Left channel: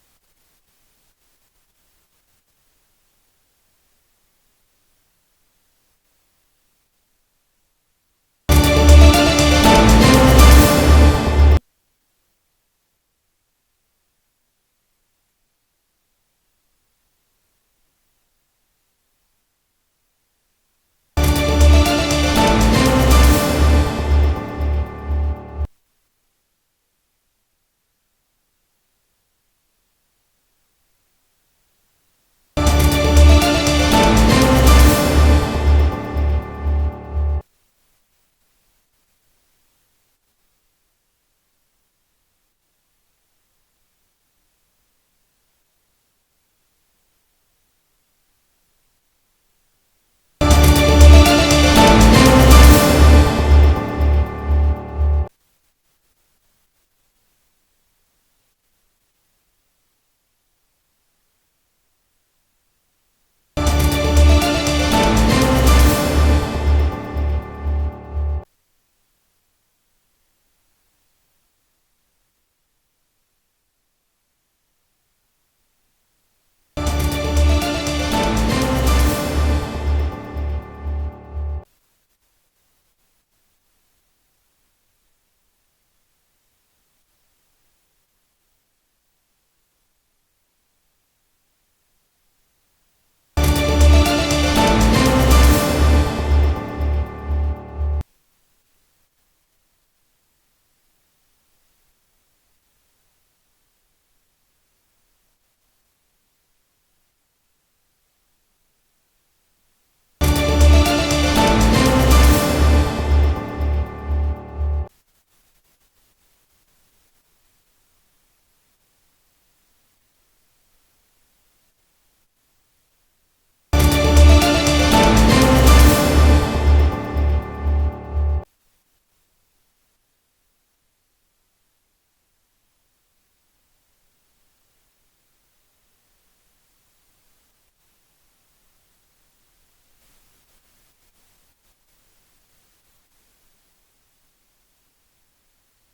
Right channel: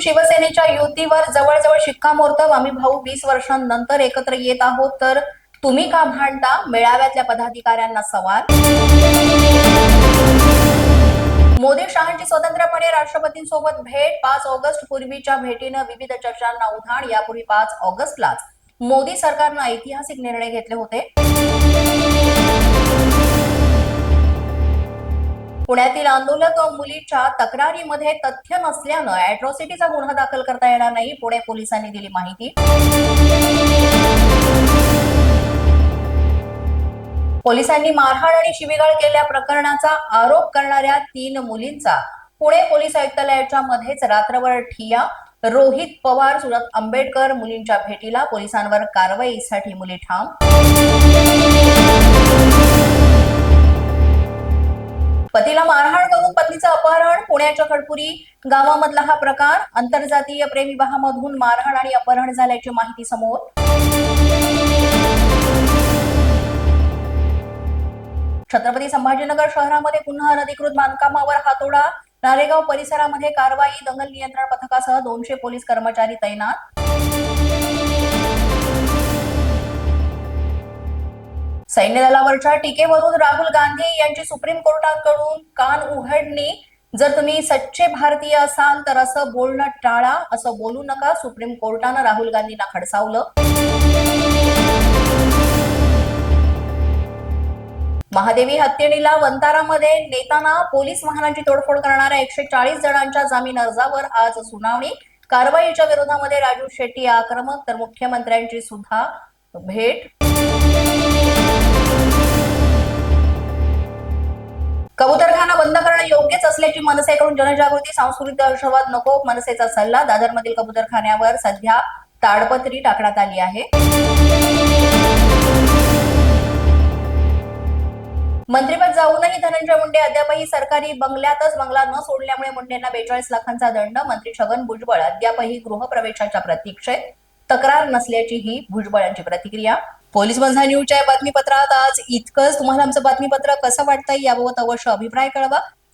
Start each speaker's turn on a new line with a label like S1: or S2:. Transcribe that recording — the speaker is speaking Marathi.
S1: शिवसेनेच्या युतीवर जवळजवळ शिक्कामोर्तब. आम्ही भाऊ वीस वर्षांनंतर एकत्र येत आहोत. तर तुम्ही का भांडता? मेळाव्यातल्या पदाधिकाऱ्यांना सवाल. मोदी शहांची स्वतंत्रपणे राष्ट्रपतींसोबत भेट. पाच ऑगस्ट पूर्वीच्या भेटीनं विविध चर्चांना उधाण. यापूर्वी पाच ऑगस्टलाच मोदी सरकारनं ऐतिहासिक निर्णय घेतले होते. आंदोलक मुलीच्या तक्रारीमध्ये तथ्य नसल्यानं अॅट्रॉसिटीचा गुन्हा दाखल करता येणार नाही पुणे पोलिसांनी दिली माहिती. पोलिसांनी मारहाण आणि शिवीगाळ केल्या प्रकरणाचा आरोप करणाऱ्या तीन मुलींचा पुणे पोलीस आयुक्तालयाच्या मध्येच रात्रभर ठिया. रोहित पवार सुरत आंबेडकर मुलींच्या भेटीला पोलिसांवर कारवाईसाठी मुली ठाम. पत्नीचं अपहरण पुण्याच्या खडपुरी गावामधला हा प्रकार आंतरजातीय प्रेमविवाहामधून मारहाण आणि अपहरण झाल्याची माहिती समोर. छत्रपती संभाजीनगर शहरामध्ये पुन्हा अनधिकृत बांधकामावर हातोडा नारेगाव परिसरामध्ये कारवाई दंगल नियंत्रण पथकासह दोनशे पोलीस कर्मचारी तैनात. सैन्य दलावरच्या टीकेवरून राहुल गांधी यांची सुप्रीम कोर्टाकडून कान उघडणी. जर तुम्ही सच्चे भारतीय असाल तर असं बोलणं टाळा असं बोलू नका. सुप्रीम कोर्टानं राहुल गांधींना खडसावलं. महादेवी हत्येनीला वंतारामध्ये नेताना पोलीस वाहनांची तोडफोड करणाऱ्या एकशे चाळीस जणांच्या जामीन अर्जावर आज सुनावणी. कारवाईच्या विरोधामध्ये राजू शेट्टी आक्रमक तर मुख्यमंत्र्यांची सुद्धा भेट. योग्यच मनसेकडून जनजागृती सांस्कृतिक दहशतवाद नको मनसेचा सल्ला दादरमधील कबूतरखान्यावर सध्या ताडपत्री टाकण्यात आली आहे. मंत्रिपद जाऊनही धनंजय मुंडे अद्यापही सरकारी बंगल्यातच बंगला न सोडल्यामुळे मुंडेंना बेचाळीस लाखांचा दंड मंत्री छगन भुजबळ अद्यापही गृहप्रवेशाच्या प्रतीक्षेत तक्रार नसल्याची ही भुजबळ यांची प्रतिक्रिया. पोलीस बंधा न्यूजच्या बातमीपत्रात आज इतकंच. तुम्हाला आमचं बातमीपत्र कसं वाटतंय याबाबत अवश्य अभिप्राय कळवा.